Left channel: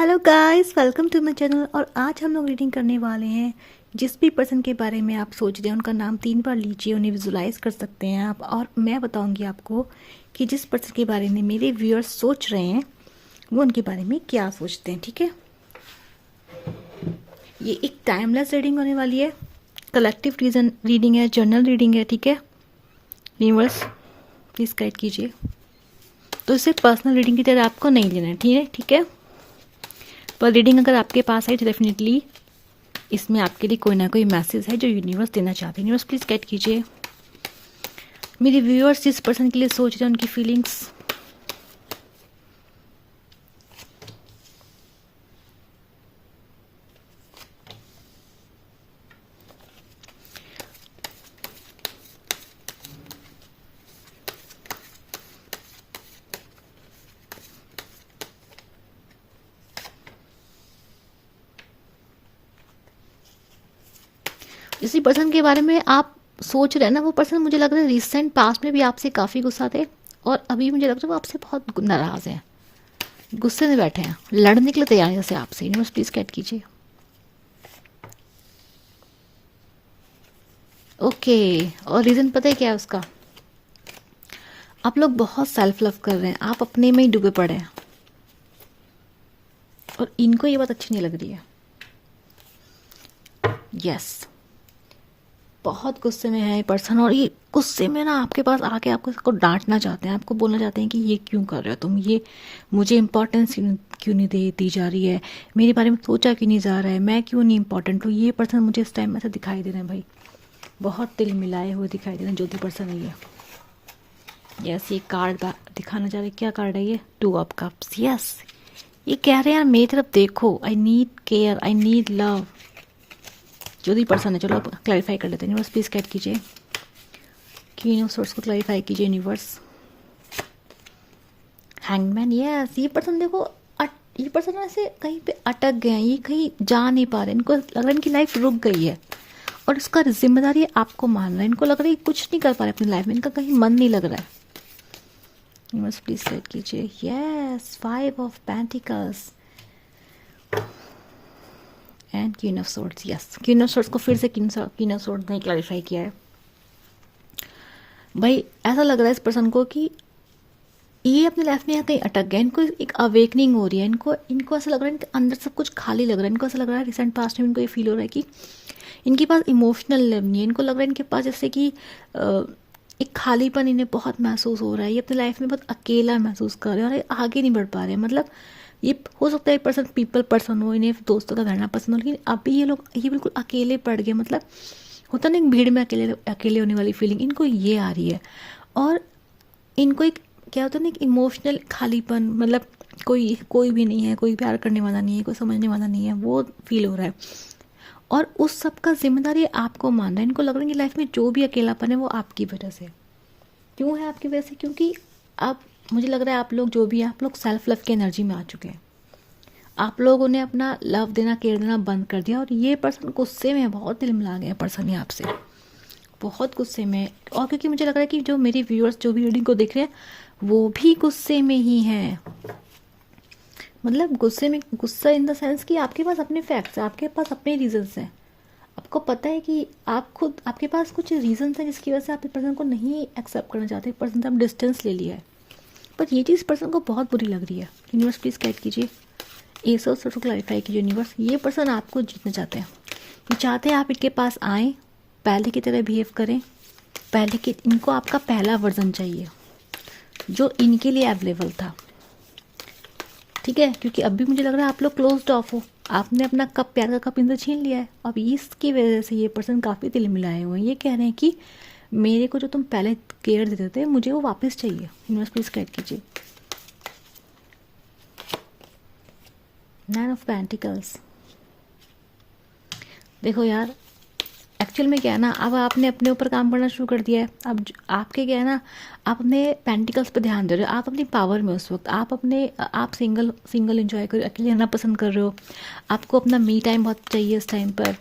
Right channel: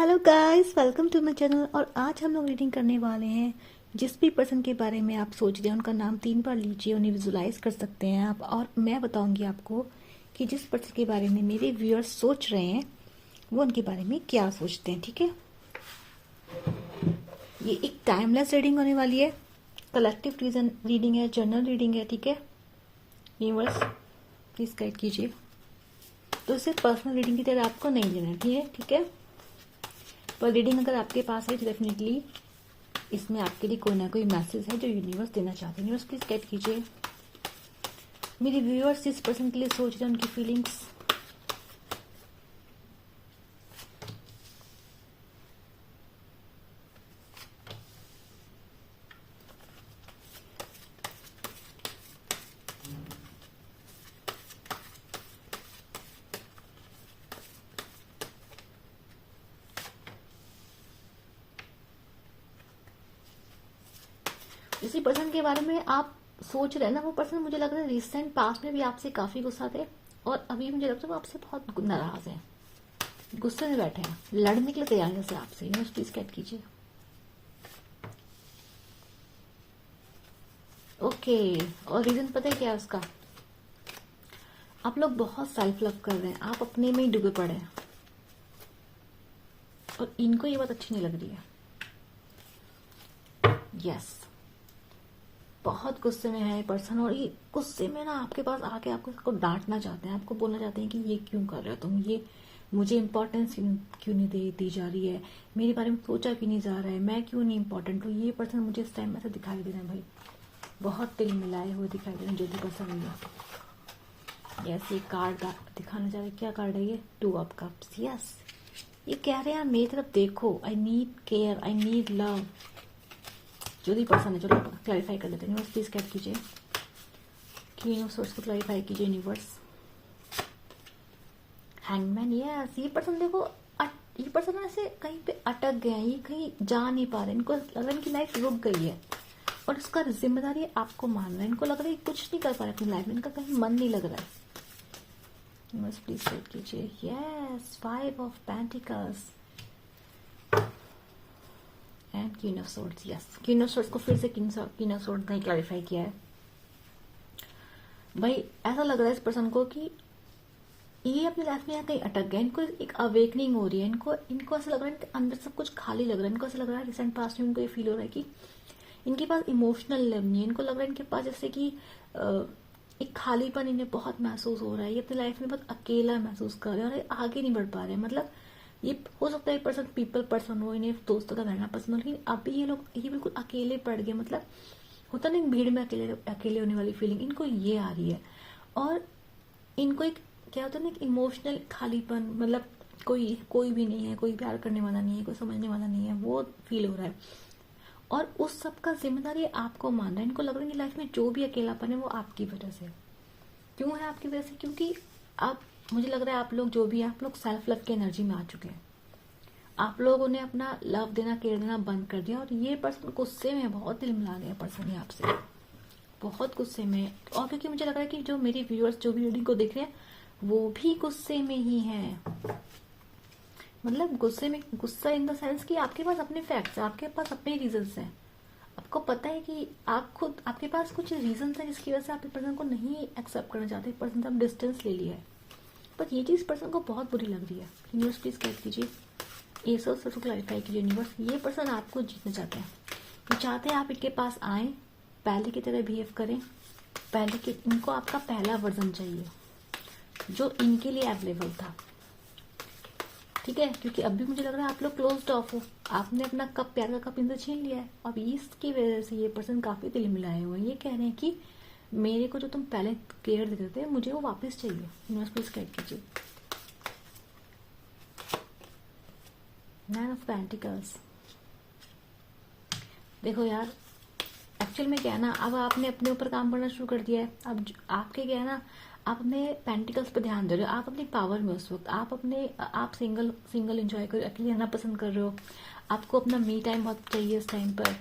Hello guys, welcome to my channel. और आज हम लोग रीडिंग करने वाले हैं। जिस भी पर्सन के बारे में आप सोच रहे हैं उनका नाम 3 बार लीजिए, उन्हें विजुलाइज कर सकते हैं आप। और मैं बताऊंगी आपको कि जिस पर्सन के बारे में मेरे व्यूअर्स सोच रहे हैं वो उनके बारे में क्या सोचते हैं। ठीक है, ये एक टाइमलेस रीडिंग होने वाली है, कलेक्टिव रीडिंग है, जर्नल रीडिंग है। ठीक है, यूनिवर्स प्लीज गाइड कीजिए। तो इसे पर्सनल रीडिंग की तरह आपको नहीं लेना है, ठीक है। पर रीडिंग अगर आपके पास है तो डेफिनेटली इसमें आपके लिए कोई ना कोई मैसेज है जो यूनिवर्स देना चाहते हैं। यूनिवर्स प्लीज गाइड कीजिए मेरे व्यूअर्स जिस पर्सन के लिए सोच रहे हैं उनकी फीलिंग्स। इसी पर्सन के बारे में आप सोच रहे हैं ना, वो पर्सन मुझे लग रहा है रिसेंट पास्ट में भी आपसे काफ़ी गुस्सा थे और अभी मुझे लग रहा है वो आपसे बहुत नाराज़ हैं, गुस्से में बैठे हैं, लड़ने के लिए तैयार हैं जैसे आपसे। यूनिवर्स प्लीज गाइड कीजिए। ओके, और रीज़न पता है क्या है उसका? आप लोग बहुत सेल्फ लव कर रहे हैं, आप अपने में ही डूबे पड़े हैं और इनको ये बात अच्छी नहीं लग रही है। यस, बहुत गुस्से में है ये पर्सन और ये गुस्से में ना आपके पास आके आपको इसको डांटना चाहते हैं, आपको बोलना चाहते हैं कि ये क्यों कर रहे हो तुम, ये मुझे इंपॉर्टेंस क्यों नहीं दी जा रही है, मेरे बारे में सोचा क्यों नहीं जा रहा है, मैं क्यों नहीं इंपॉर्टेंट हूँ। ये पर्सन मुझे इस टाइम ऐसा दिखाई दे रहे हैं भाई, बहुत दिल मिलाए हुए दिखाई दे रहे हैं जो भी पर्सन है ये। यस, ये कार्ड दिखाना चाह रहे, क्या कार्ड है ये? 2 ऑफ कप्स। यस, ये कह रहे हैं यार मेरी तरफ देखो, I need care, I need love. जो भी पर्सन है, चलो क्लैरिफाई कर लेते हैं। यूनिवर्स प्लीज गाइड कीजिए, क्वीन ऑफ सोर्स को क्लैरिफाई कीजिए यूनिवर्स। हैंगमैन। यस, ये पर्सन देखो, ये पर्सन ऐसे कहीं पे अटक गए हैं, ये कहीं जा नहीं पा रहे, इनको लग रहा है इनकी लाइफ रुक गई है और इसका जिम्मेदारी आपको मान रहा है। इनको लग रहा है कुछ नहीं कर पा रहे अपनी लाइफ में, इनका कहीं मन नहीं लग रहा है। यूनिवर्स प्लीज गाइड कीजिए। Yes, 5 of pentacles and queen of swords. Yes, queen of swords को फिर से क्वीन ऑफ सोर्ड्स ने क्लैरिफाई किया है। भाई ऐसा लग रहा है इस पर्सन को कि ये अपनी लाइफ में कहीं अटक गए, इनको एक अवेकनिंग हो रही है, इनको ऐसा लग रहा है इनके अंदर सब कुछ खाली लग रहा है। इनको ऐसा लग रहा है रिसेंट पास्ट में इनको ये फील हो रहा है कि इनके पास इमोशनल लेवल नहीं है। इनको लग रहा है इनके पास जैसे कि एक खालीपन इन्हें बहुत महसूस हो रहा है, ये अपनी लाइफ में बहुत अकेला महसूस कर रहे हैं और आगे नहीं बढ़ पा रहे हैं। मतलब ये हो सकता है पर्सन पीपल पर्सन हो, इन्हें दोस्तों का रहना पसंद हो, लेकिन अभी ये बिल्कुल अकेले पड़ गए। मतलब होता नहीं भीड़ में अकेले अकेले होने वाली फीलिंग इनको ये आ रही है। और इनको एक क्या होता है ना, एक इमोशनल खालीपन, मतलब कोई भी नहीं है, कोई प्यार करने वाला नहीं है, कोई समझने वाला नहीं है, वो फील हो रहा है। और उस सब का जिम्मेदारी आपको मान रहा है। इनको लग रहा है कि लाइफ में जो भी अकेलापन है वो आपकी वजह से। क्यों है आपकी वजह से? क्योंकि आप, मुझे लग रहा है आप लोग जो भी है, आप लोग सेल्फ लव की एनर्जी में आ चुके हैं। आप लोगों ने अपना लव देना, केयर देना बंद कर दिया और ये पर्सन गुस्से में है, बहुत दिल मिला गया पर्सन ये आपसे, बहुत गुस्से में। और क्योंकि मुझे लग रहा है कि जो मेरी व्यूअर्स जो भी रीडिंग को देख रहे हैं वो भी गुस्से में ही हैं। मतलब गुस्से में, गुस्सा इन द सेंस कि आपके पास अपने फैक्ट्स हैं, आपके पास अपने रीजंस हैं। आपको पता है कि आप खुद, आपके पास कुछ रीजंस हैं जिसकी वजह से आप इस पर्सन को नहीं एक्सेप्ट करना चाहते, पर्सन से आप डिस्टेंस ले लिया है। पर ये चीज़ पर्सन को बहुत बुरी लग रही है। यूनिवर्स प्लीज गाइड कीजिए, ये सब क्लैरिफाई कीजिए यूनिवर्स। ये पर्सन आपको जीतना चाहते हैं, ये चाहते हैं आप इनके पास आएँ, पहले की तरह बिहेव करें, पहले के, इनको आपका पहला वर्जन चाहिए जो इनके लिए अवेलेबल था। ठीक है, क्योंकि अभी मुझे लग रहा है आप लोग क्लोज्ड ऑफ हो, आपने अपना कप, प्यार का कप इनसे छीन लिया है। अब इसकी वजह से ये पर्सन काफ़ी दिल मिलाए हुए हैं। ये कह रहे हैं कि मेरे को जो तुम पहले केयर देते थे मुझे वो वापस चाहिए। यूनिवर्स प्लीज गाइड कीजिए। 9 ऑफ पेंटिकल्स। देखो यार, एक्चुअल में क्या है ना, अब आपने अपने ऊपर काम करना शुरू कर दिया है। अब आपके क्या है ना, आप अपने पेंटिकल्स पे ध्यान दे रहे हो, आप अपनी पावर में उस वक्त, आप सिंगल एंजॉय कर, अकेले रहना पसंद कर रहे हो, आपको अपना मी टाइम बहुत चाहिए इस टाइम पर,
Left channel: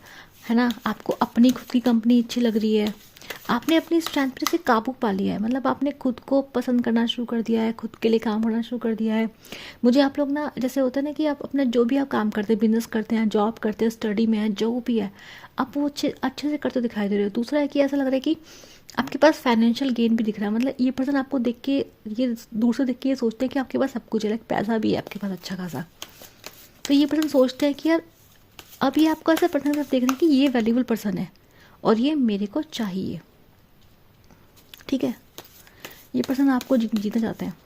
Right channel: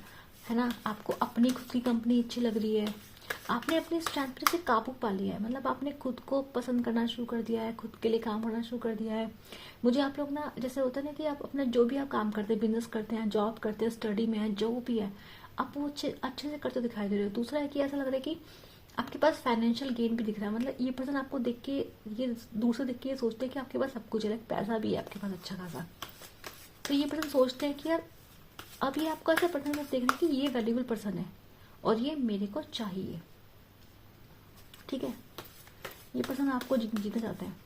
है ना, आपको अपनी खुद की कंपनी अच्छी लग रही है। आपने अपनी स्ट्रेंथ पर से काबू पा लिया है, मतलब आपने खुद को पसंद करना शुरू कर दिया है, खुद के लिए काम करना शुरू कर दिया है। मुझे आप लोग ना, जैसे होता है ना कि आप अपना जो भी आप काम करते हैं, बिजनेस करते हैं, जॉब करते हैं, स्टडी में है, जो भी है, आप वो अच्छे अच्छे से करते दिखाई दे रहे हो। दूसरा है कि ऐसा लग रहा है कि आपके पास फाइनेंशियल गेन भी दिख रहा है, मतलब ये पर्सन आपको देख के, ये दूर से देख के ये सोचते हैं कि आपके पास सब कुछ है, पैसा भी है आपके पास अच्छा खासा। तो ये पर्सन सोचते हैं कि यार अब ये आपको ऐसा पर्सन देख रहे हैं कि ये वैल्यूबल पर्सन है और ये मेरे को चाहिए। ठीक है, ये पर्सन आपको जीतना चाहते हैं।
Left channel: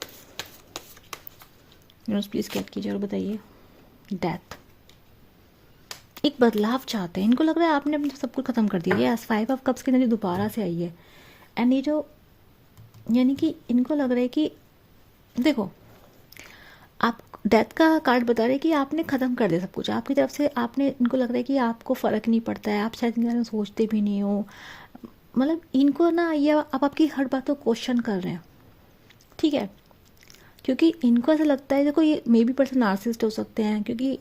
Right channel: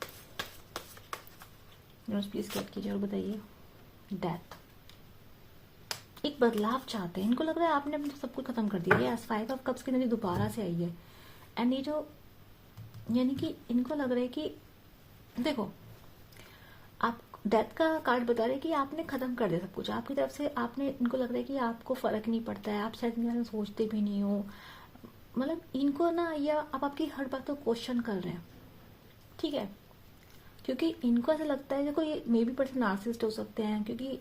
यूनिवर्स प्लीज कैट कीजिए और बताइए। डेथ, एक बदलाव चाहते हैं, इनको लग रहा है आपने अपने सब कुछ खत्म कर दिया है। यस, 5 ऑफ कप्स की एनर्जी दोबारा से आई है। एंड ये जो, यानी कि इनको लग रहा है कि देखो, आप डेथ का कार्ड बता रहे हैं कि आपने ख़त्म कर दिया सब कुछ आपकी तरफ से। आपने, इनको लग रहा है कि आपको फ़र्क नहीं पड़ता है, आप शायद इनके बारे में सोचते भी नहीं हो। मतलब इनको ना, ये आप आपकी हर बात को क्वेश्चन कर रहे हैं। ठीक है, क्योंकि इनको ऐसा लगता है, देखो ये मे बी पर्सन नार्सिसिस्ट हो सकते हैं, क्योंकि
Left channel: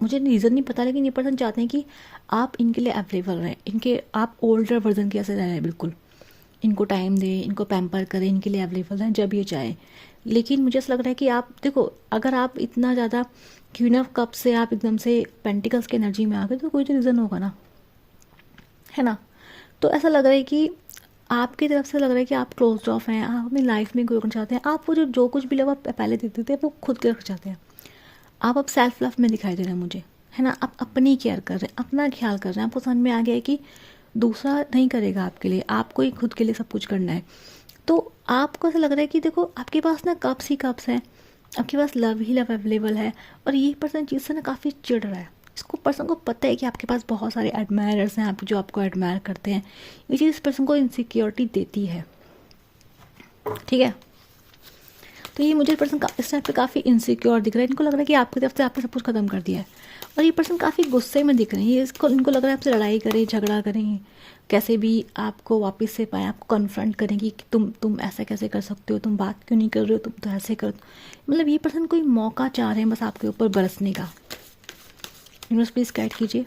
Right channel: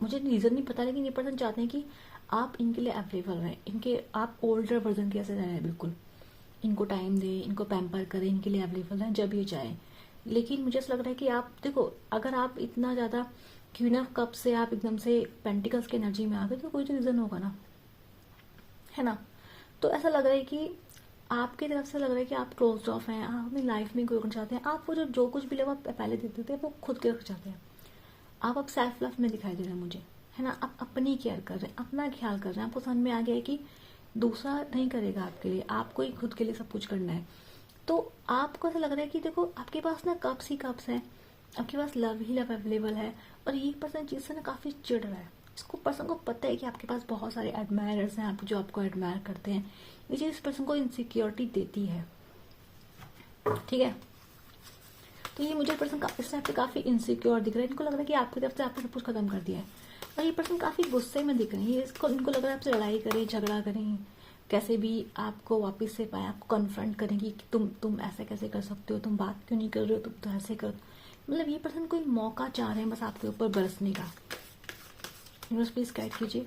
मुझे रीज़न नहीं पता, लेकिन ये पर्सन चाहते हैं कि आप इनके लिए अवेलेबल रहें, इनके आप ओल्डर वर्जन के ऐसे रहें, बिल्कुल इनको टाइम दें, इनको पैम्पर करें, इनके लिए अवेलेबल रहें जब ये चाहे। लेकिन मुझे ऐसा लग रहा है कि आप देखो, अगर आप इतना ज़्यादा क्वीन ऑफ कप से आप एकदम से पेंटिकल्स की एनर्जी में आ गए तो कोई तो रीज़न होगा ना, है ना। तो ऐसा लग रहा है कि आपकी तरफ से लग रहा है कि आप क्लोज ऑफ हैं, आप अपनी लाइफ में कोई करना चाहते हैं, आप वो जो कुछ भी लोग आप पहले देते थे वो खुद के रखना चाहते हैं। आप अब सेल्फ लव में दिखाई दे रहे हैं मुझे, है ना। आप अपनी केयर कर रहे हैं, अपना ख्याल कर रहे हैं। आपको समझ में आ गया है कि दूसरा नहीं करेगा आपके लिए, आपको ही खुद के लिए सब कुछ करना है। तो आपको ऐसा लग रहा है कि देखो, आपके पास ना कप्स ही कप्स हैं, आपके पास लव ही लव अवेलेबल है। और ये पर्सन चीज़ से ना काफ़ी चिढ़ रहा है। इसको पर्सन को पता है कि आपके पास बहुत सारे एडमायरर्स हैं, आप जो आपको एडमायर करते हैं। ये चीज़ इस पर्सन को इनसिक्योरिटी देती है। ठीक है, तो ये मुझे पर्सन इस टाइप पे काफ़ी इनसिक्योर दिख रहा है। इनको लग रहा है कि आपकी तरफ से आपने सब कुछ खत्म कर दिया है। और ये पर्सन काफ़ी गुस्से में दिख रहे हैं। ये इसको, इनको लग रहा है आपसे लड़ाई करें, झगड़ा करें, कैसे भी आपको वापस से पाएँ, आपको कन्फ्रंट करेंगी कि तुम ऐसा कैसे कर सकते हो, तुम बात क्यों नहीं कर रहे हो, तुम तो ऐसे कर। मतलब ये पर्सन कोई मौका चाह रहे हैं बस आपके ऊपर बरसने का। यूनिवर्स प्लीज गाइड कीजिए।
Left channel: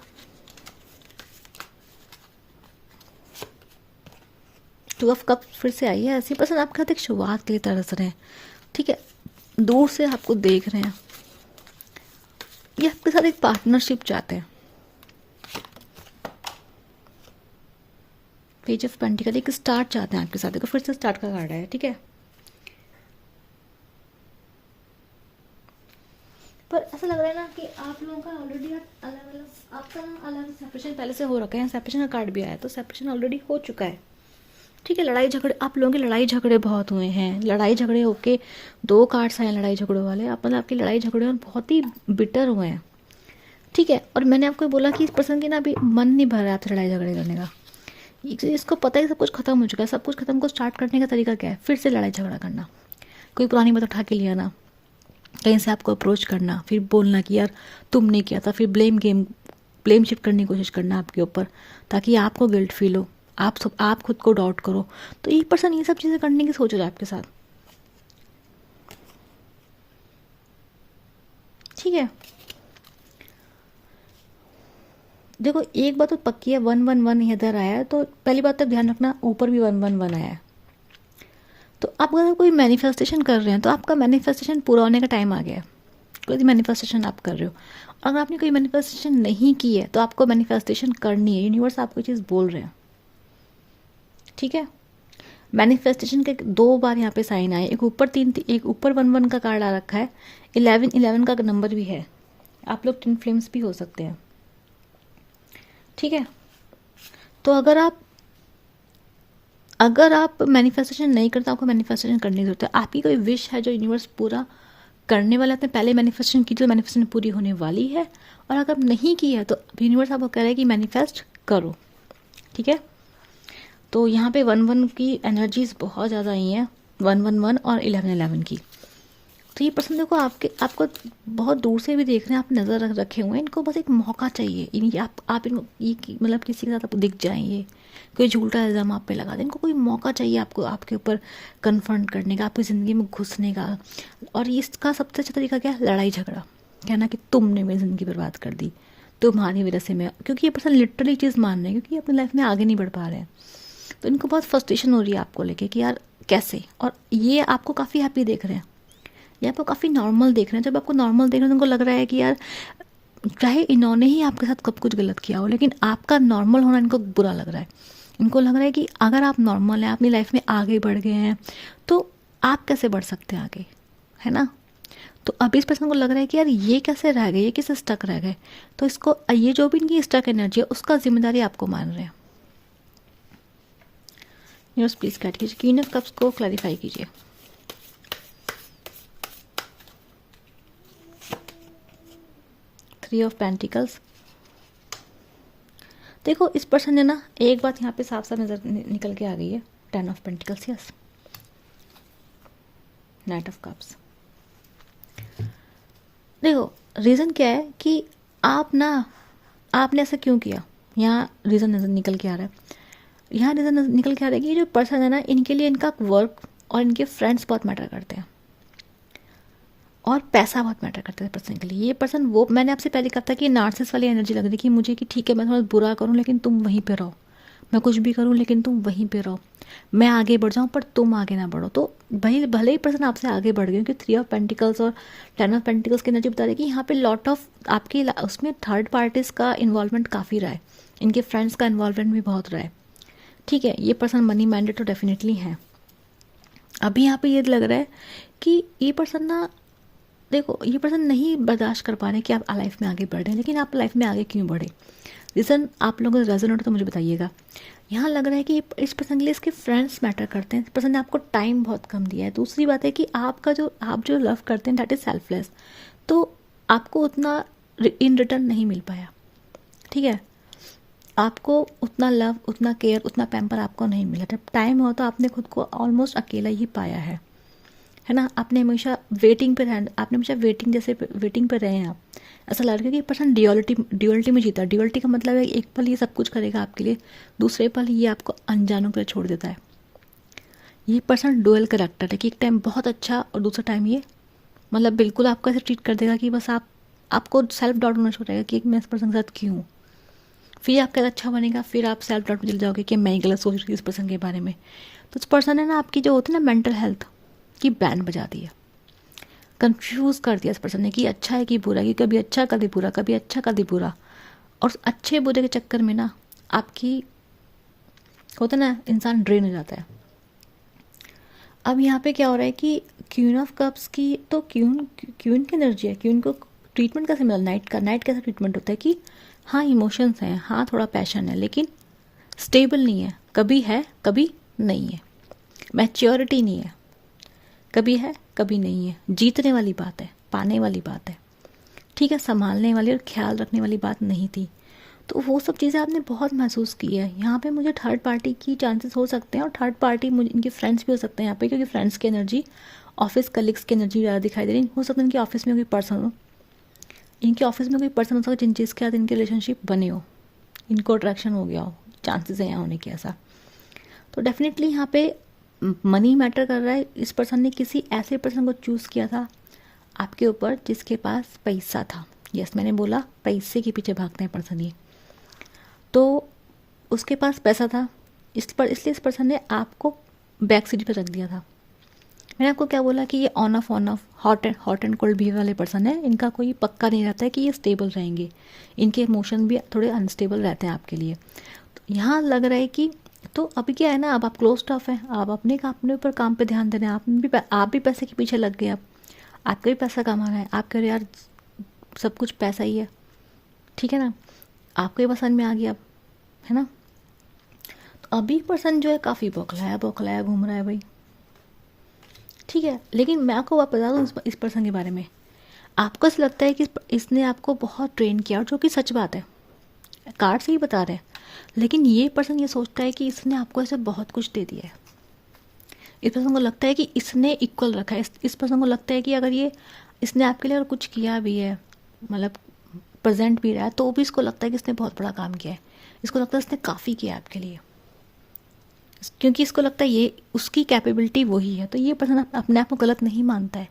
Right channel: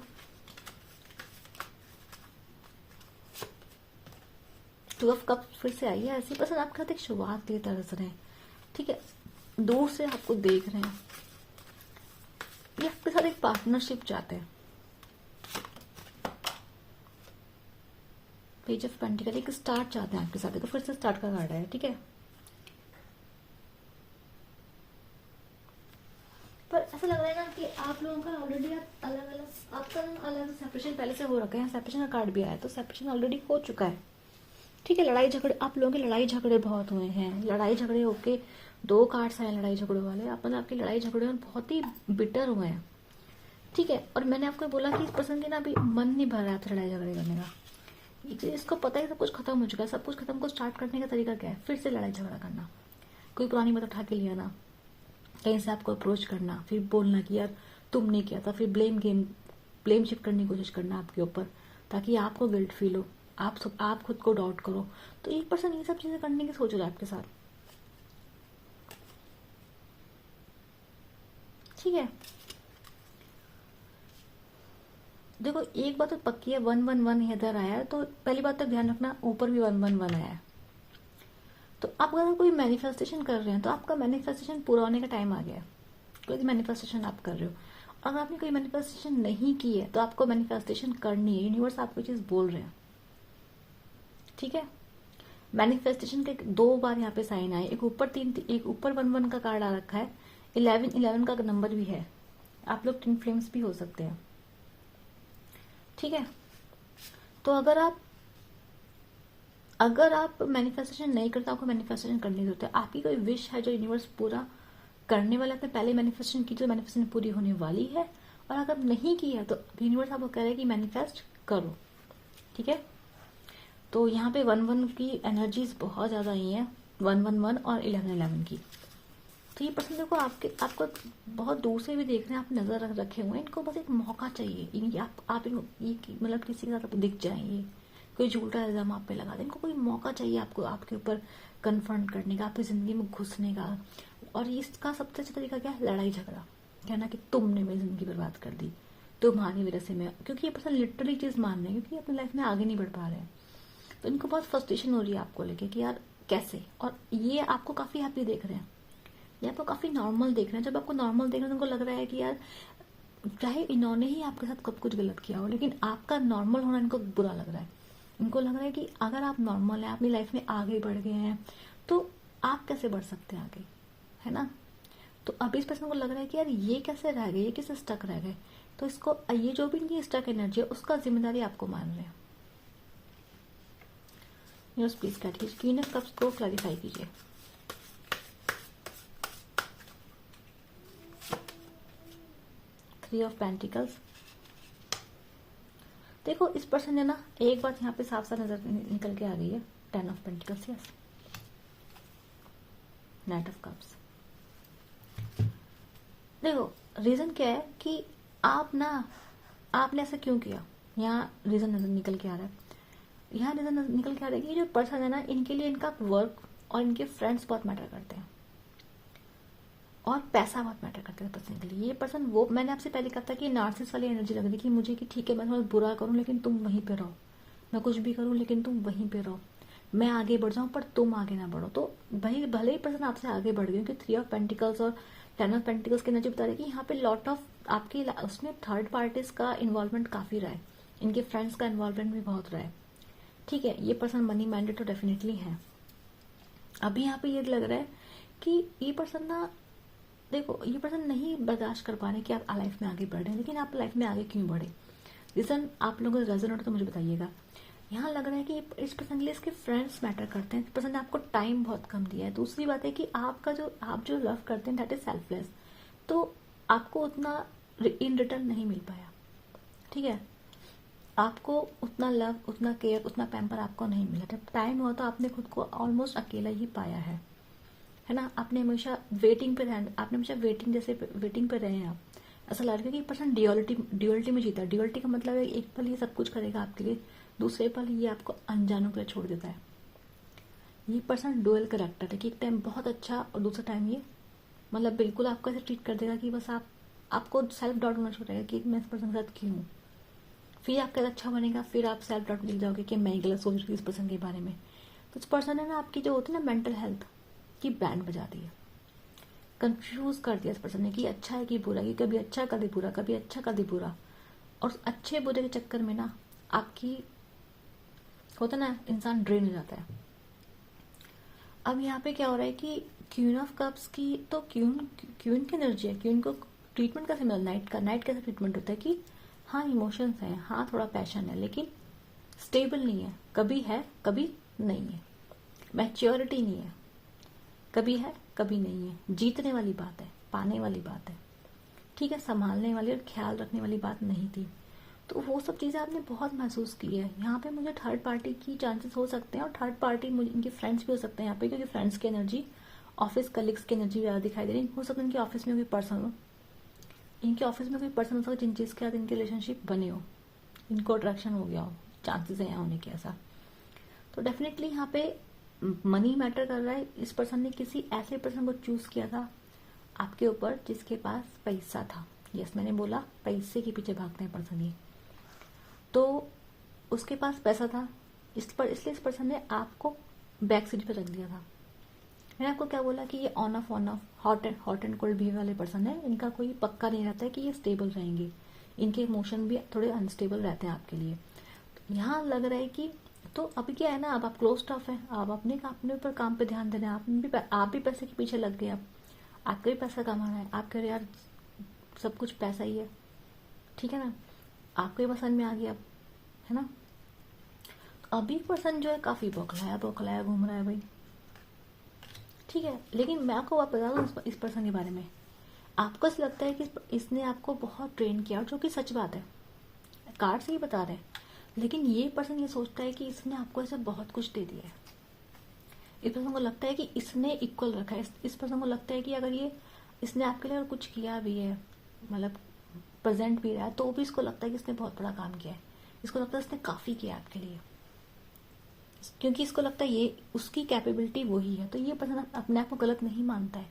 टू ऑफ कप फिर से आई है। ऐसी पर्सन आपके साथ एक शुरुआत के लिए तरस रहे हैं। ठीक है, दूर से आपको देख रहे हैं, ये आपके साथ एक पार्टनरशिप चाहते हैं। पेज ऑफ पेंटिकल, एक स्टार्ट चाहते हैं आपके साथ। देखो फिर से स्टार्ट का कार्ड है। ठीक है, पर ऐसा लग रहा है ना कि आप लोगों का ऑलरेडी, आप अलग अलग, आपका अलग सेपरेशन पहले से हो रखा है। सेपरेशन का कार्ड भी आया, तो सेपरेशन ऑलरेडी हो चुका है। ठीक है, लड़ाई झगड़े, आप लोगों के लड़ाई झगड़े बहुत हुए हैं। लड़ाई झगड़े होके 2 कार्ड्स आए लड़ाई झगड़ों वाले। आप मतलब आपकी लड़ाई झगड़े और बहुत ही बिटर हुए हैं। ठीक है, और मैंने आपको बोला कि इस पर्सन की ना अभी मन नहीं भर रहा है आपसे लड़ाई झगड़े करने का। इसको पता है सब कुछ खत्म हो चुका है। सब कुछ खत्म को स्टार्ट करने का तरीका क्या है? फिर से लड़ाई झगड़ा करना, कोई पुरानी बात उठा के ले आना, कहीं से आपको अप्रोच करना, फिर बोलना कि यार तुमने किया था, फिर ब्लेम शिफ्ट करने की कोशिश करना आपके ऊपर, ताकि आपको गिल्ट फील हो, आप खुद को डाउट करो। तो एक पर्सन ये सब चीज़ें करने की सोच रहा है आपके साथ। ठीक है, देखो एक बात तो पक्की है, 111 इधर आया है, तो पहली बात तो ध्यान रखना, ऊपर भी 111 आया है। तो आप अगर कोई मैनिफेस्टेशन कर रहे हैं तो आपका मैनिफेस्टेशन पूरा होने का टाइम आ गया है। कोई मैनिफेस्टेशन आप कर रहे हो, अगर आपने कोई मैनिफेस्टेशन नहीं की है तो आपको मैनिफेस्टेशन करनी है। यूनिवर्स आपको चीज़ बोल रहे हैं। ठीक है, मैनिफेस्टेशन के 2 बार यहाँ पे साइन आए, एक ऊपर 3, एक ऊपर 11 का कार्ड आ रखा है, 11 का नंबर भी है। आप लोग ट्विन फ्लेम्स भी हो सकते हैं। ठीक है, तो अगर आप मैनिफेस्टेशन नहीं करते, आपको मैनिफेस्टेशन करने की जरूरत है। आपकी कोई विश है जो यूनिवर्स पूरा करने वाला है। आपने पहले मैनिफेस्टेशन की तो मैनिफेस्टेशन पूरी होने वाली है, और अगर नहीं की है तो यूनिवर्स आपको कह रहा है कि मैनिफेस्ट करो। ठीक है, तो यहाँ पे 11 की एनर्जीज बहुत ज़्यादा आई हैं, 111 और 11 की। तो ये पर्सन देखो आपको बहुत दूर से भी देख रहे हैं, आप नज़र रखे हुए हैं। इनको बस एक मौका चाहिए, इनकी आप इनको ये मतलब किसी के साथ आप दिख जाएंगे, कोई झूठा इल्ज़ाम आप पे लगा दें। इनको कोई मौका चाहिए आपको, आपके ऊपर कन्फ्रंट करने का, आपकी ज़िंदगी में घुसने का। और इसका सबसे अच्छा तरीका क्या है? लड़ाई झगड़ा, कहना कि तुमने मेरी ज़िंदगी बर्बाद कर दी, तुम्हारी वजह से मैं, क्योंकि ये पर्सन लिटरली चीज़ मान रहे हैं, क्योंकि अपनी लाइफ में आगे नहीं बढ़ पा रहे हैं। तो इनको बहुत फ्रस्ट्रेशन हो रही है आपको लेके कि यार कैसे, और ये आपको काफ़ी हैप्पी देख रहे हैं, ये आपको काफ़ी नॉर्मल देख रहे हैं। जब आपको नॉर्मल देख रहे हैं तो उनको लग रहा है कि यार चाहे इन्होंने ही आपके साथ कब कुछ गलत किया हो, लेकिन आपका नॉर्मल होना इनको बुरा लग रहा है। इनको लग रहा है कि अगर आप नॉर्मल हैं, अपनी लाइफ में आगे बढ़ गए हैं, तो आप कैसे बढ़ सकते हैं आगे, है ना। तो अभी इस पर्सन को लग रहा है कि यार ये कैसे रह गए, ये कैसे स्टक रह गए। तो इसको ये जो भी इनकी स्टक एनर्जी है उसका जिम्मेदारी आपको मान रहे हैं। यूनिवर्स प्लीज गाइड कीजिए, क्वीन ऑफ कप्स को क्लैरिफाई कीजिए। Three of pentacles. देखो इस पर्सन ने ना एक बात यहाँ पे साफ साफ नजर निकल के आ गई है, 10 of pentacles, yes, night of cups. देखो रीज़न क्या है कि आपने ऐसा क्यों किया, यहाँ रीज़न नजर निकल के आ रहा है। यहाँ रीज़न निकल के आ रहा है कि ये जो पर्सन है ना, इनके लिए इनका वर्क और इनके फ्रेंड्स बहुत मैटर करते हैं, और पैसा बहुत मैटर करता है पर्सन के लिए। ये पर्सन, वो मैंने आपसे पहले कहा था कि नार्सिस वाली एनर्जी लग रही कि मुझे कि ठीक है मैं थोड़ा बुरा करूँ लेकिन तुम वहीं पे रहो, मैं कुछ भी करूँ लेकिन तुम वहीं पे रहो, मैं आगे बढ़ जाऊँ पर तुम आगे ना बढ़ो। तो भाई भले ही पर्सन आपसे आगे बढ़ गए, क्योंकि 3 ऑफ पेंटिकल्स और 10 ऑफ पेंटिकल्स की एनर्जी बता रही है कि यहाँ पे लॉट ऑफ आपकी उसमें थर्ड पार्टीज का इन्वॉल्वमेंट काफ़ी रहा है, इनके फ्रेंड्स का इन्वॉल्वमेंट भी बहुत रहा है। ठीक है, ये पर्सन मनी माइंडेड तो डेफिनेटली है। अभी यहाँ पे ये लग रहा है कि ये पर्सन ना, देखो ये पर्सन नहीं बर्दाश्त कर पा रहे कि आप लाइफ में आगे बढ़ रहे हैं, लेकिन आप लाइफ में आगे क्यों बढ़े, रीज़न आप लोगों को रेजोनेट तो मुझे बताइएगा। यहाँ लग रहा है कि इस पर्सन के लिए इसके फ्रेंड्स मैटर करते हैं, इस पर्सन ने आपको टाइम बहुत कम दिया है। दूसरी बात है कि आप जो लव करते हैं दैट इज़ सेल्फलेस, तो आपको उतना इन रिटर्न नहीं मिल पाया। ठीक है, आपको उतना लव, उतना केयर, उतना पैम्पर आपको नहीं मिला। जब टाइम हो तो आपने खुद को ऑलमोस्ट अकेला ही पाया है ना। आपने हमेशा वेटिंग पे रहे, आपने हमेशा वेटिंग पे रहे हैं आप। ऐसा लग रहा है कि पर्सन ड्यूअलिटी में जीता। ड्यूअलिटी का मतलब है एक पल ये सब कुछ करेगा आपके लिए, दूसरे पल ये आपको अनजानों के लिए छोड़ देता है। ये पर्सन डुअल करेक्टर है कि एक टाइम बहुत अच्छा और दूसरा टाइम ये मतलब बिल्कुल आपको ऐसे ट्रीट कर देगा कि बस आपको सेल्फ डाउट होना शुरू हो जाएगा कि मैं इस पर्सन के साथ क्यों हूँ। फिर आपका अच्छा बनेगा, फिर आप सेल्फ डाउट में चले जाओगे कि मैं ही गलत सोच रही थी इस पर्सन के बारे में। तो इस पर्सन ने ना आपकी जो होती है ना मेंटल हेल्थ की बैंड बजा दी है, कंफ्यूज कर दिया इस पर्सन ने कि अच्छा है कि बुरा, कि कभी अच्छा कभी बुरा, कभी अच्छा कभी बुरा। और अच्छे बुरे के चक्कर में ना आपकी होता ना इंसान ड्रेन हो जाता है। अब यहाँ पे क्या हो रहा है कि क्वीन ऑफ कप्स की तो क्वीन की एनर्जी है। क्वीन को ट्रीटमेंट कैसे मिला, नाइट कैसा ट्रीटमेंट होता है कि हाँ इमोशंस हैं, हाँ थोड़ा पैशन है, लेकिन स्टेबल नहीं है, कभी नहीं है, मैच्योरिटी नहीं है, कभी है कभी नहीं है, जीतने वाली बात है, पाने वाली बात है। ठीक है, संभालने वाली और ख्याल रखने वाली बात नहीं थी। तो वो सब चीज़ें आपने बहुत महसूस की है। यहाँ पे मुझे थर्ड पार्टी की चांसेस हो सकते हैं, और थर्ड पार्टी मुझे इनके फ्रेंड्स भी हो सकते हैं यहाँ पे, क्योंकि फ्रेंड्स की एनर्जी, ऑफिस कलीग्स की एनर्जी ज़्यादा दिखाई दे रही है। हो सकता है इनके ऑफिस में कोई पर्सन हो, इनके ऑफिस में कोई पर्सन हो सकता है जिन चीज़ के साथ इनके रिलेशनशिप बने हो, इनको अट्रैक्शन हो गया हो, चांसेस है यहाँ होने के ऐसा। तो डेफिनेटली यहाँ पे मनी मैटर कर रहा है। इस पर्सन ने किसी ऐसे पर्सन को चूज़ किया था आपके ऊपर जिसके पास पैसा था। यस, मैंने बोला पैसे के पीछे भागते हैं पर्सन ये, तो उसके पास पैसा था इसलिए इस पर्सन ने आपको बैक सीट पर रख दिया था। मैंने आपको क्या बोला कि ये on off hot and cold behaviour वाले पर्सन है। इनका कोई पक्का नहीं रहता है कि ये स्टेबल रहेंगे, इनके इमोशन भी थोड़े अनस्टेबल रहते हैं आपके लिए। तो यहाँ लग रहा है कि तो अभी क्या है ना, अब आप क्लोज टफ हैं, आप अपने ऊपर काम पे ध्यान दे रहे हैं, आप भी पैसे के पीछे लग गए। अब आपका भी पैसा कमा रहा है, आप कह रहे यार सब कुछ पैसा ही है, ठीक है ना, आपको ही पसंद में आ गया अब, है ना। तो अभी पर्सन जो है काफ़ी बौखलाया घूम रहा है भाई, ठीक है। लेकिन मैं आपको बता दूँ इस पर्सन के बारे में, आपको ऐसा लगता है कि इसने आपको बहुत ट्रेन किया, और जो कि सच बात है, कार्ड से ही बता रहे हैं। लेकिन ये पर्सन ये सोचता है कि इसने आपको ऐसे बहुत कुछ दे दिया है। इस पर्सन को लगता है कि इसने इक्वल रखा है। इस पर्सन को लगता है कि अगर ये इसने आपके लिए अगर कुछ किया भी है, मतलब प्रेजेंट भी रहा है, तो भी इसको लगता है कि इसने बहुत बड़ा काम किया है। इसको लगता है इसने काफ़ी किया आपके लिए, क्योंकि इसको लगता है ये उसकी कैपेबिलिटी वही है। तो ये पर्सन अपने आप को गलत नहीं मानता है।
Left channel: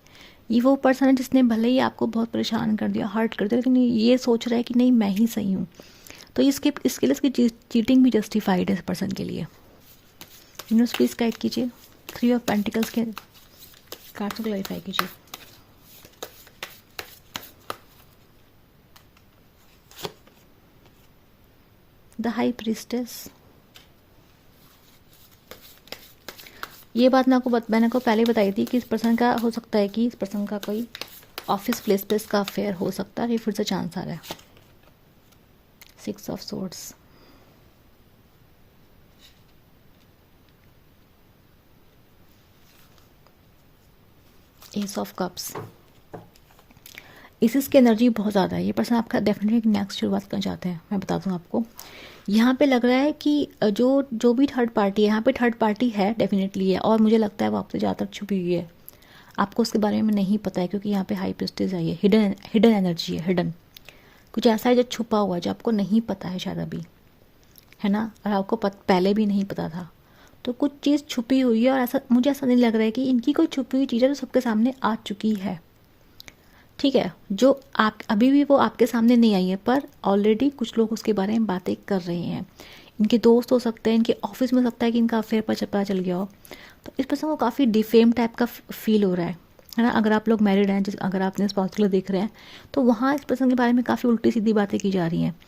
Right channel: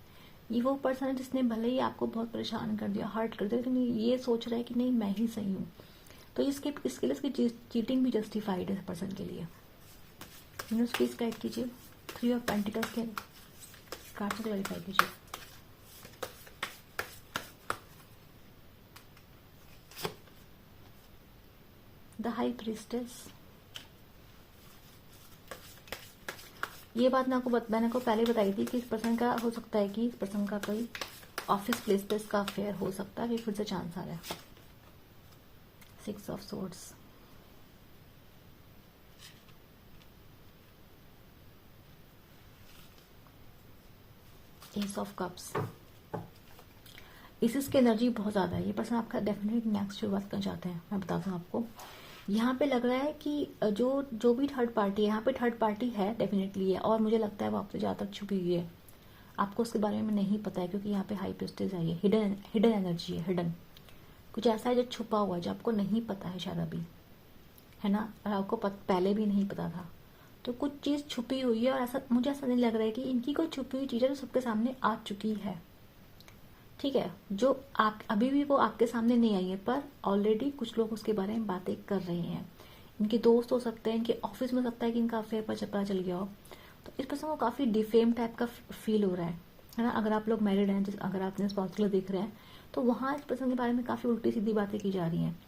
ये वो पर्सन है जिसने भले ही आपको बहुत परेशान कर दिया, हर्ट कर दिया, लेकिन ये सोच रहा है कि नहीं मैं ही सही हूँ। तो इसके लिए इसकी चीटिंग भी जस्टिफाइड है इस पर्सन के लिए। यूनिवर्स प्लीज गाइड कीजिए, 3 ऑफ पेंटिकल्स के कार्ड को क्लैरिफाई कीजिए। द हाई प्रीस्टेस, ये बात मैंने को पहले बताई थी कि इस पर्सन का हो सकता है कि इस पर्सन का कोई ऑफिस प्लेस का अफेयर हो सकता है, ये फिर से चांस आ रहा है। 6 of swords, S of cups, इसकी एनर्जी बहुत ज़्यादा है। ये पर्सन आपका डेफिनेटली नेक्स्ट शुरुआत करना चाहते हैं, मैं बता दूं आपको। यहाँ पे लग रहा है कि जो भी थर्ड पार्टी है, यहाँ पे थर्ड पार्टी है, डेफिनेटली है, और मुझे लगता है वो आपसे ज़्यादा छुपी हुई है, आपको उसके बारे में नहीं पता है, क्योंकि यहाँ पे हाई प्रीस्टेस आई है, हिडन एनर्जी है, हिडन कुछ ऐसा है जो छुपा हुआ है, जो आपको नहीं पता है शायद अभी, है ना, और आपको पहले भी नहीं पता था। तो कुछ चीज़ छुपी हुई है, और ऐसा मुझे ऐसा नहीं लग रहा है कि इनकी कोई छुपी हुई चीज़ है जो सबके सामने आ चुकी है। ठीक है, जो आप अभी भी वो आपके सामने नहीं आई है, पर ऑलरेडी कुछ लोग उसके बारे में बातें कर रहे हैं। इनके दोस्त हो सकते हैं, इनके ऑफिस में हो सकता है कि इनका अफेयर पर पता चल गया हो। तो इस पर्सन को काफ़ी डिफेम टाइप का फील हो रहा है ना। अगर आप लोग मैरिड हैं, अगर आपने स्पाउस देख रहे हैं, तो वहाँ इस पर्सन के बारे में काफ़ी उल्टी सीधी बातें की जा रही हैं।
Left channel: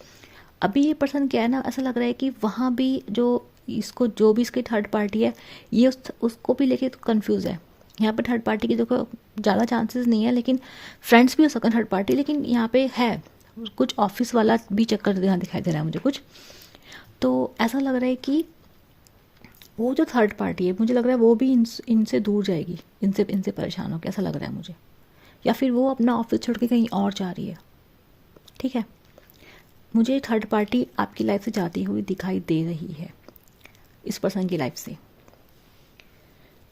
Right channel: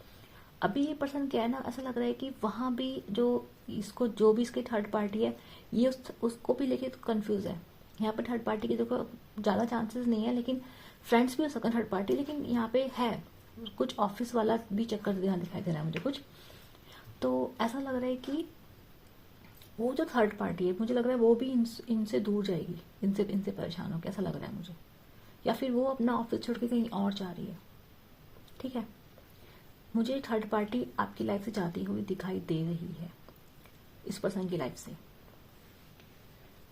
अभी ये पर्सन क्या है ना, ऐसा लग रहा है कि वहाँ भी जो भी इसकी थर्ड पार्टी है, ये उसको भी लेके तो कन्फ्यूज़ है। यहाँ पे थर्ड पार्टी की देखो ज़्यादा चांसेस नहीं है, लेकिन फ्रेंड्स भी हो सकते हैं थर्ड पार्टी, लेकिन यहाँ पे है कुछ ऑफिस वाला भी चक्कर यहाँ दिखाई दे रहा है मुझे कुछ। तो ऐसा लग रहा है कि वो जो थर्ड पार्टी है, मुझे लग रहा है वो भी इनसे दूर जाएगी, इनसे परेशान होकर, ऐसा लग रहा है मुझे। या फिर वो अपना ऑफिस छोड़ के कहीं और जा रही है। ठीक है, मुझे थर्ड पार्टी आपकी लाइफ से जाती हुई दिखाई दे रही है, इस पर्सन की लाइफ से।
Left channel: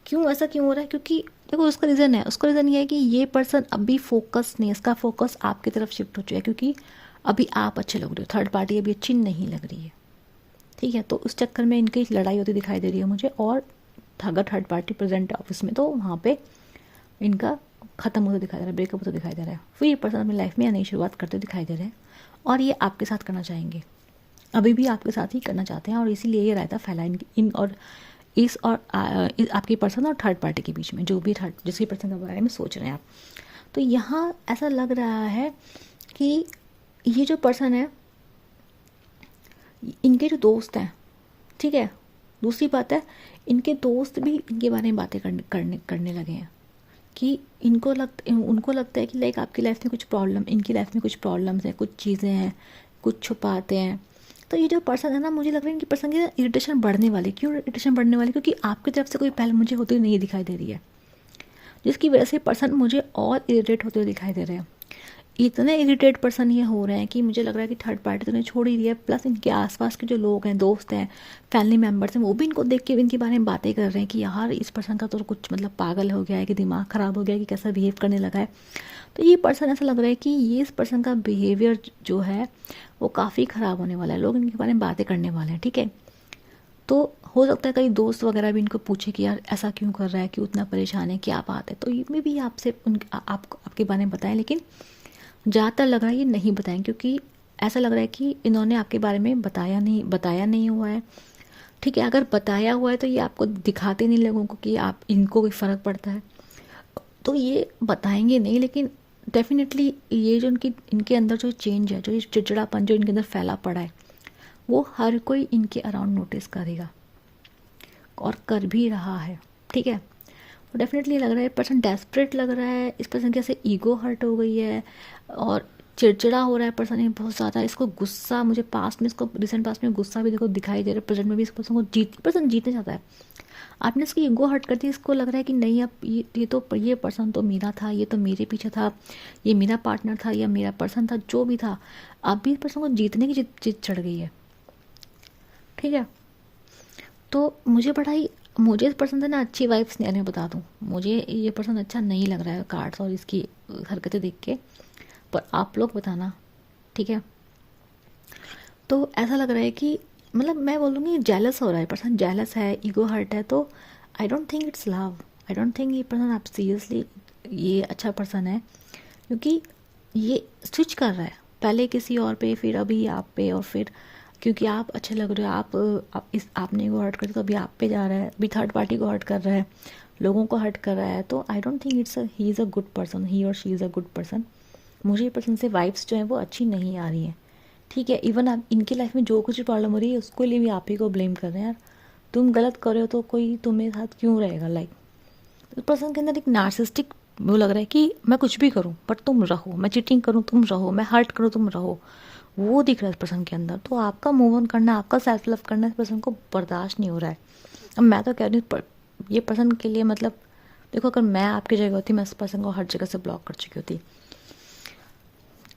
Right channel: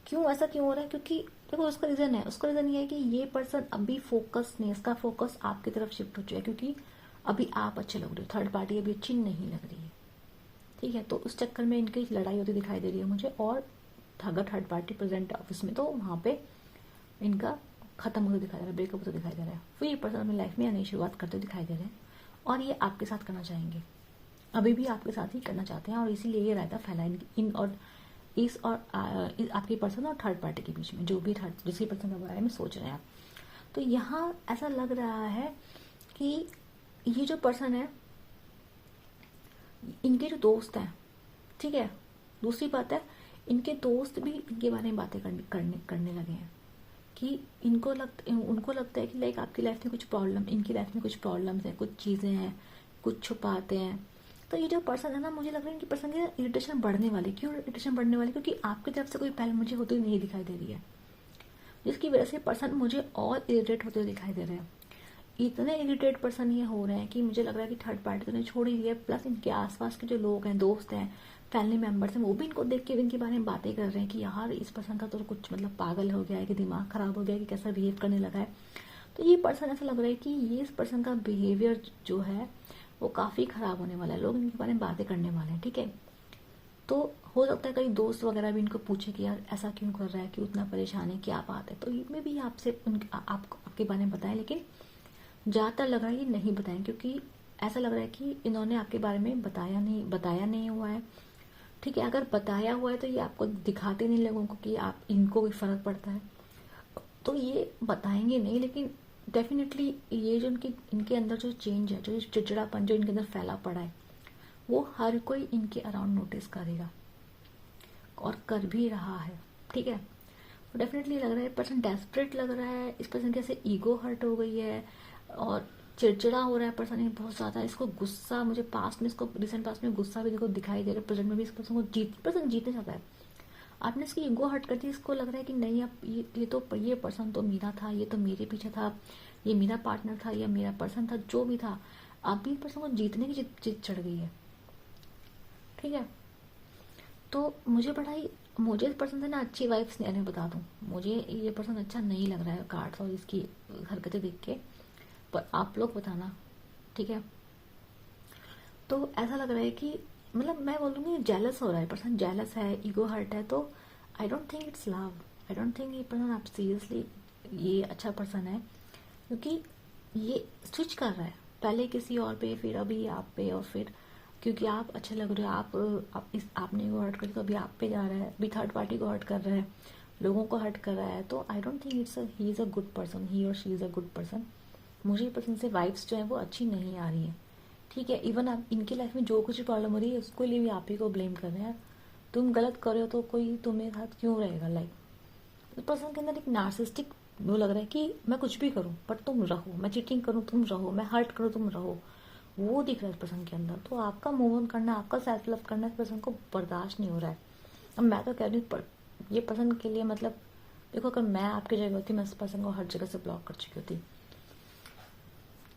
क्यों ऐसा क्यों हो रहा है? क्योंकि देखो उसका रीज़न है, उसका रीज़न ये है कि ये पर्सन अभी फोकस नहीं, इसका फोकस आपकी तरफ शिफ्ट हो चुका है, क्योंकि अभी आप अच्छे लग रहे हो, थर्ड पार्टी अभी अच्छी नहीं लग रही है। ठीक है, तो उस चक्कर में इनकी लड़ाई होती दिखाई दे रही है मुझे। और अगर थर्ड पार्टी प्रेजेंट है ऑफिस में, तो वहाँ पे इनका ख़त्म होता दिखाई दे रहा है, ब्रेकअप होता दिखाई दे रहा है। फिर ये पर्सन अपनी लाइफ में नई शुरुआत करते दिखाई दे रहे हैं, और ये आपके साथ करना चाहेंगे, अभी भी आपके साथ ही करना चाहते हैं। और इसीलिए ये रायता फैला इन और इस और आपकी पर्सन और थर्ड पार्टी के बीच में, जो भी थर्ड जिसकी पर्सन के बारे में सोच रहे हैं आप। तो यहाँ ऐसा लग रहा है कि ये जो पर्सन है, इनके जो दोस्त हैं, ठीक है, दूसरी बात है, इनके दोस्त भी इनके बारे में बातें करने लगे हैं कि उनको लगता है कि लाइक आपकी लाइफ में कुछ प्रॉब्लम, इनकी लाइफ में कुछ प्रॉब्लम्स हैं, कुछ चीज़ें हैं, कुछ छुपाते हैं। तो ये जो पर्सन है ना, मुझे लग रहा है इनकी पर्सन की इरिटेशन बढ़ने वाली। क्यों इरिटेशन बढ़ने वाली? क्योंकि आपकी तरफ से कोई पहल मुझे होती हुई नहीं दिखाई दे रही है, जिसकी वजह से पर्सन मुझे और इरिटेट होते हुए दिखाई दे रहे हैं। इतने इरिटेट पर्सन ये हो रहे हैं कि मुझे लग रहा है कि थर्ड पार्टी तो नहीं छोड़ ही रही है, प्लस इनके आसपास के जो लोग हैं, दोस्त हैं, फैमिली मेम्बर्स हैं, वो भी इनको देख के इनके बारे में बातें कर रहे हैं कि यार इस पर्सन का तो कुछ मतलब पागल हो गया है, कि दिमाग ख़राब हो गया है, कि कैसा बिहेव करने लगा है। तो ये पर्सन ऐसा लग रहा है कि ये इस पर्सन का बिहेवियर जो है वो काफ़ी ख़राब होने वाला है, लोग इनके बारे में बातें करने वाले हैं। ठीक है, तो हो सकता है कई दोस्त वगैरह भी इनको पूछे कि यार ऐसा क्यों कर रहा है, क्यों उतना परेशान है, क्या बात है। तो ये भी आपसे आपके बारे में बताएं, लेकिन ज़्यादातर लग रहा है ये नहीं बताएं, क्योंकि ऐसा लग रहा है कि इन्होंने आपके बारे में बताया नहीं हुआ है। ठीक है, अगर बताया हुआ है तो ये आपको दिखाते नहीं लोगों को कि आप इनको कोई फ़र्क पड़ता है, तो ये बताएंगे नहीं। लेकिन डेफिनेटली ये जो इनके अंदर जो चेंज है, जो ये चिड़चिड़ापन जो इनके अंदर फैला पड़ा है, वो हर कोई इनके अराउंड नोटिस करेगा, और कर भी रहा है। ठीक है, तो डेफिनेटली लग रहा है पर्सन डेस्परेट लग रहा है, इस पर्सन की ऐसे ईगो हर्ट हो गई है, और चिड़चिड़ा हो रहा है पर्सन ये बहुत ज़्यादा। इसको गुस्सा, मुझे पास्ट में, इसको रिसेंट पास्ट में गुस्सा भी देखो दिखाई दे रहा है, प्रेजेंट में भी इस पर्सन को पर्सन जीतने चाहता है। आपने इसकी ईगो हर्ट कर दी, इसको लग रहा है कि नहीं, अब ये पर्सन तो मेरा था, ये तो मेरे पीछे था, ये मेरा पार्टनर था, या मेरा पर्सन था, जो भी था, अब भी इस पर्सन को जीतने की जिद चढ़ गई है। ठीक है, तो मुझे इस पर्सन से ना अच्छी वाइब्स नहीं, मैं बता दूँ, मुझे ये पर्सन अच्छा नहीं लग रहा है कार्ड्स और इसकी हरकतें देख के, पर आप लोग बताना। ठीक है, तो ऐसा लग रहा है कि मतलब मैं बोलूँगी जेलस हो रहा है पर्सन, जेलस है, ईगो हर्ट है। तो I don't think it's love, I don't think ये पर्सन आप सीरियसली ये अच्छा पर्सन है, क्योंकि ये स्विच कर रहा है, पहले किसी और पे, फिर अभी आप पे, और फिर क्योंकि आप अच्छे लग रहे हो, आप इस आपने को हर्ट कर तो अभी आप पे जा रहा है, अभी थर्ड पार्टी को हर्ट कर रहा है, लोगों को हर्ट कर रहा है। तो I don't think he is a good person, he और she is a good person. मुझे ये पर्सन से वाइब्स जो है वो अच्छी नहीं आ रही हैं। ठीक है, इवन आप इनकी लाइफ में जो कुछ प्रॉब्लम हो रही है उसके लिए भी आप ही को ब्लेम कर रहे हैं यार। तुम गलत कर रहे हो तो कोई तुम्हें साथ क्यों रहेगा? लाइक उस पर्सन के अंदर एक नार्सिस्टिक वो लग रहा है कि मैं कुछ भी करूं पर तुम रहो, मैं चीटिंग करूं तुम रहो, मैं हर्ट करूं तुम रहो, वो दिख रहा है इस पर्सन के अंदर। तो आपका मूव ऑन करना, आपका सेल्फ लव करना इस पर्सन को बर्दाश्त नहीं हो रहा है। अब मैं तो कह रही हूँ ये पर्सन के लिए मतलब देखो, अगर मैं आपकी जगह होती मैं इस पर्सन को हर जगह से ब्लॉक कर चुकी होती,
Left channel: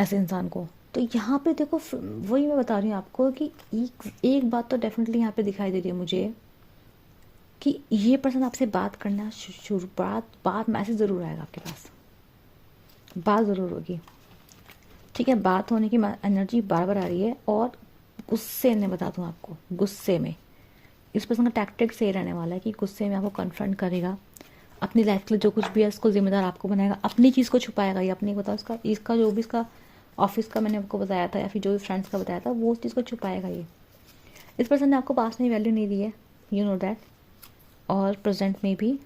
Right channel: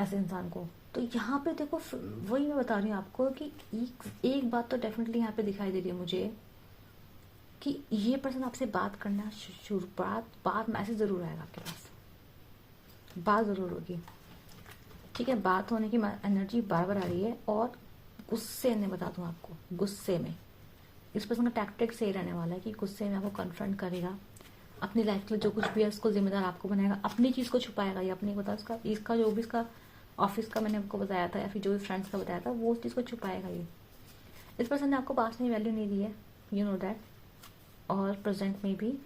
ऐसे इंसान को। तो यहाँ पे देखो वही मैं बता रही हूँ आपको कि एक बात तो डेफिनेटली यहाँ पे दिखाई दे रही है मुझे कि ये पर्सन आपसे बात करना शुरू बात मैसेज ज़रूर आएगा आपके पास, बात ज़रूर होगी। ठीक है, बात होने की एनर्जी बार बार आ रही है। और गुस्से में बता दूँ आपको, गुस्से में इस पर्सन का टैक्टिक से रहने वाला है कि गुस्से में आपको कन्फ्रंट करेगा, अपनी लाइफ के लिए जो कुछ भी है उसको जिम्मेदार आपको बनाएगा, अपनी चीज़ को छुपाएगा। ये अपने बता इसका जो भी इसका ऑफिस का मैंने आपको बताया था या फिर जो भी फ्रेंड्स का बताया था वो उस चीज़ को छुपाएगा। ये इस पर्सन ने आपको पास में वैल्यू नहीं दी है, यू नो दैट। और प्रेजेंट में भी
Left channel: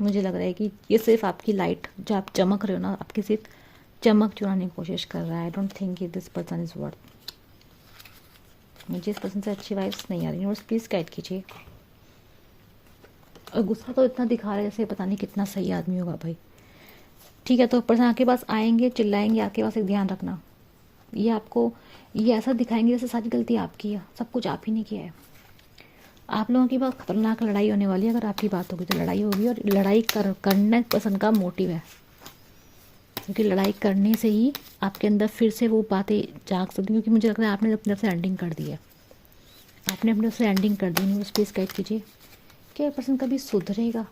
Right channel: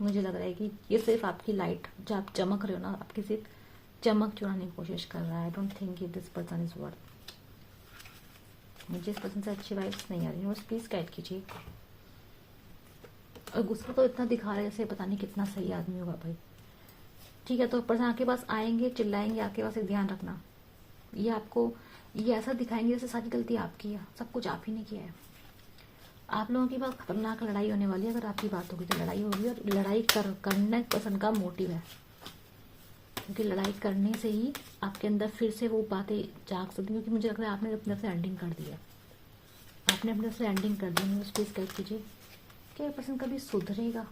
मुझे लग रहा है कि ये सिर्फ आपकी लाइट जो आप चमक रहे हो ना, आपकी सिर्फ चमक चुराने की कोशिश कर रहा है। आई don't think this person is worth. मुझे इस पर्सन से अच्छी वाइब्स नहीं आ रही है, प्लीज़ गाइड कीजिए। और गुस्सा तो इतना दिखा रहा है जैसे पता नहीं कितना सही आदमी होगा भाई। ठीक है, तो पर्सन आपके पास आएंगे, चिल्लाएंगे आपके पास, एक ध्यान रखना ये आपको ये ऐसा दिखाएंगे जैसे सारी गलती आपकी है, सब कुछ आप ही ने किया है। आप लोगों की बहुत खतरनाक लड़ाई होने वाली है। अगर आपकी बात होगी तो लड़ाई होगी, और लड़ाई करना पर्सन का मोटिव है, क्योंकि लड़ाई करने से ही आपके अंदर फिर से वो बातें जाग सकती हैं। क्योंकि मुझे लग रहा है आपने अपनी तरफ से एंडिंग कर दी है, आपने अपनी तरफ से एंडिंग कर दी है। बस प्लीज़ गाइड कीजिए क्या पर्सन कभी सुधरेगा?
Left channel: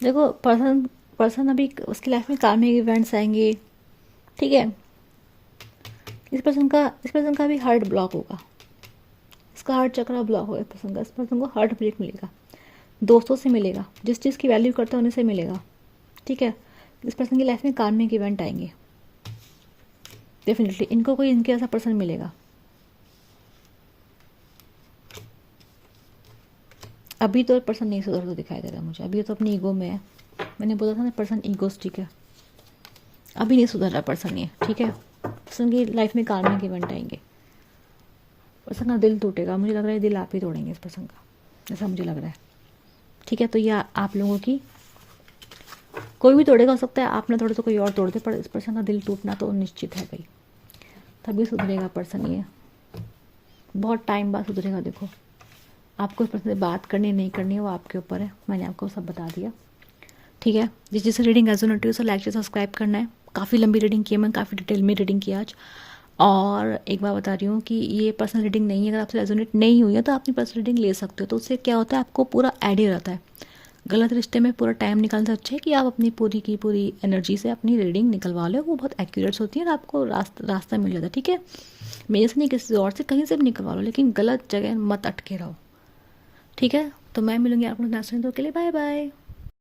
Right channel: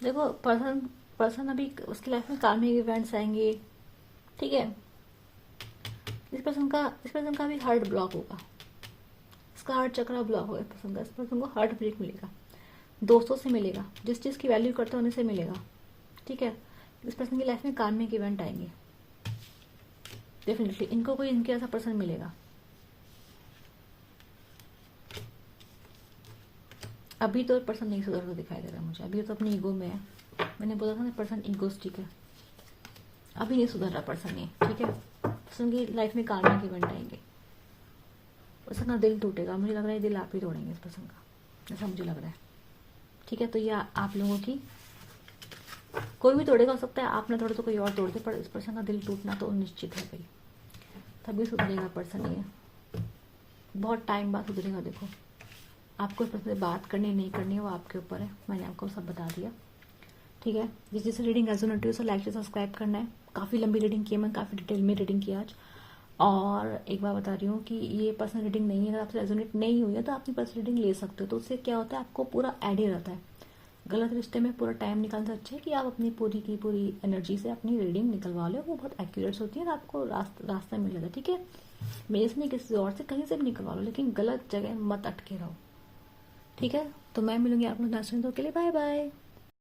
देखो पर्सन अभी उसकी लाइफ में कार्मिक इवेंट्स आएंगे। ठीक है, इस पर्सन का भी हार्ट ब्लॉक होगा, इसका हार्ट चक्रा ब्लॉक होगा। इस पर्सन को हार्ट ब्रेक मिलेगा, दोस्तों से मिलेगा, जिस चीज़ की वैल्यू करते हैं उन्हीं से मिलेगा। ठीक है, इस पर्सन की लाइफ में कार्मिक इवेंट आएंगे डेफिनेटली, इनको कोई इनके ऐसा पर्सन मिलेगा। अभी तो पर्सन नहीं सुधर को दिखाई दे रहा मुझे, अभी तो अपनी ईगो में है। मैंने बोला था ना पर्सन ईगोस्टिक है, अभी नहीं सुधर रहा पर्सन ये। ठीक है, पर्सन की लाइफ में कार्मिक इवेंट आएंगे, पर्सन का दिल टूटेगा। मुझे लग रहा है दिल आप ही तोड़ेंगे इस पर्सन का, ऐसा मुझे लग रहा है। ठीक है, तो ये आप लोगों की कोई भी तोड़ेगा, हो सकता है आपने तोड़े तो कोई और तोड़ दे, पर इस पर्सन का दिल टूटना तो निश्चित है भाई, तभी सुधरेगा पर्सन। ये बहुत टाइम बाद सुधरेगा। देखो, आपको इस पर्सन से बात करनी नहीं करनी है वो आपके ऊपर है, मैंने आपको सब बता दिया। ठीक है, जिसे रीडिंग रेजोनेट हुई उसे लाइक से सब्सक्राइब करना है। काफ़ी लंबी रीडिंग की है, मैं काफ़ी डिटेल में रीडिंग की आज। और एक बार बता रही हूँ कि ये पर्सनल रीडिंग नहीं है, अगर आपसे रेजोनेट नहीं हुई है तो अपनी पर्सनल रीडिंग ले सकते हो। तो उससे क्या होता है, आपको पूरा आइडिया रहता है। गलत रिश्ते में पूरा टाइम निकालने से अच्छा है कि आप अपनी पूरी की पूरी एनर्जी से अपनी रीडिंग निकलवा लो, वो बहुत एक्यूरेट होती है और आपको रास्ता मिल जाता है। ठीक है, मेरे से नहीं, किसी और से कहीं से भी निकलवा लो, लेकिन गलत जगह मत अटके रहो। ठीक है, तो मैं मिलूंगी आपको नेक्स्ट वीडियो के लिए। Bye bye.